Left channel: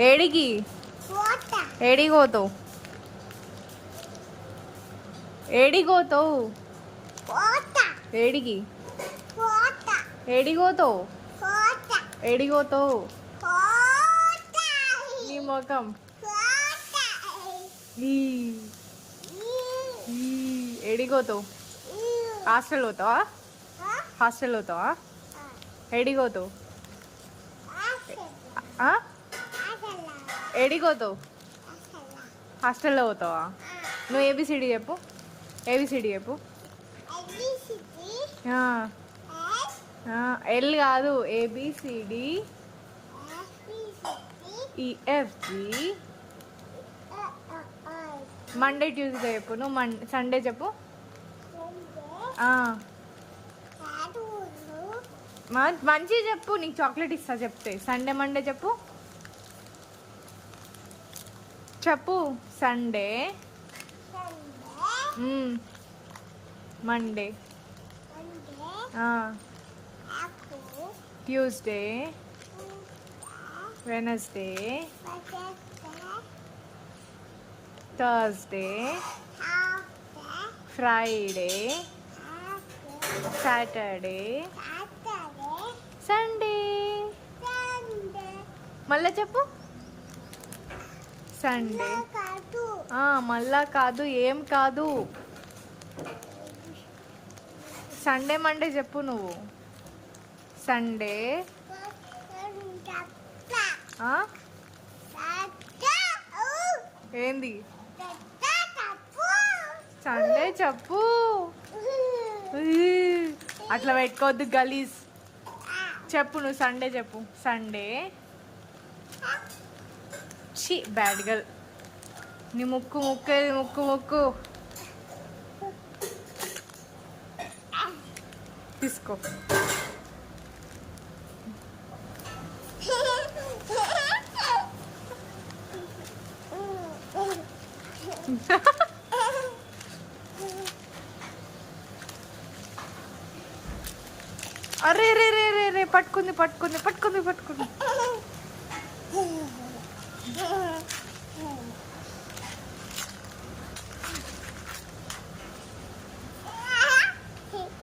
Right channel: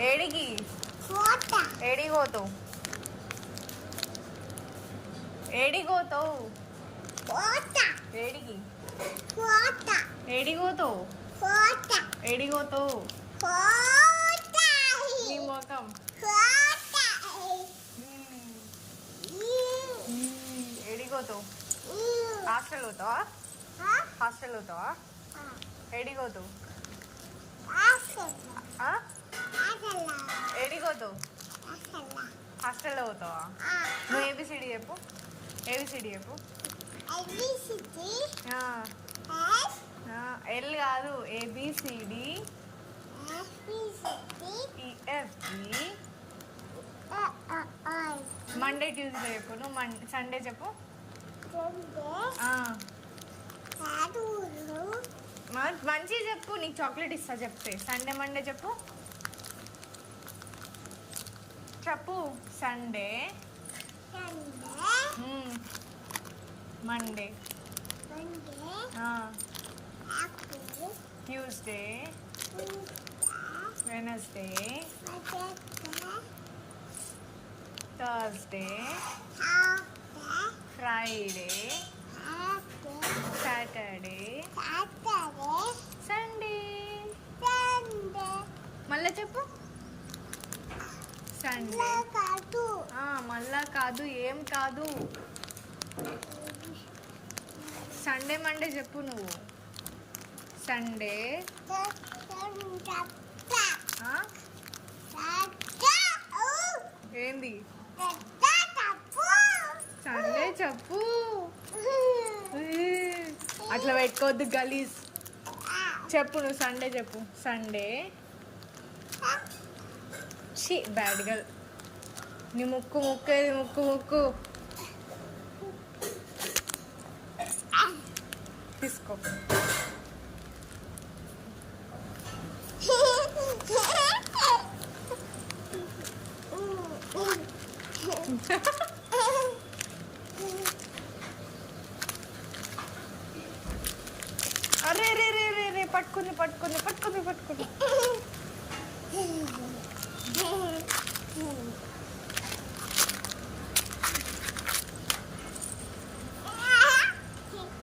ఏడికి ఏడిపోతావు ఏడిపోతావు ఏడికి ఏడిపోతావు ఏడిపోతావు నీ ముఖం ఏడిపోతావు హాస్టల్ పోతావా హాస్టల్ పోతావా ఏడిపోతావు ఏడిపోతావు హాస్టల్లో పోతావా నువ్వు ఏబిసిడి చెప్పు ఏబిసిడి చెప్పు ఎల్ కాదు ఏబిసిడి ఈఎఫ్జి మండే ట్యూస్డే చెప్పు నువ్వు సండే చెప్పు మంచి చెప్పు నీకు చాక్లెట్ ఇస్తా చెప్తే సండే మండే చెప్పు చెప్పు Sunday Monday Tuesday Wednesday Thursday Friday Saturday Sunday మళ్ళా చెప్పు సండే మళ్ళా కాదు ఏం కాదు సండే మండే చెప్పు నువ్వు సండే ఏంది సండే చెప్పు అట్లా పెట్టుకోవద్దు గలీజ్ చెప్పు నువ్వు సండే చెప్పు సండే బ్యాడ్ గర్ల్ నీ ముక్కు ముక్కేది ముక్కు ముక్కు తీసుకో అరే రే రే రే రే పట్టుకుంది పట్టుకుంది పట్టుకుంది పట్టుకుంది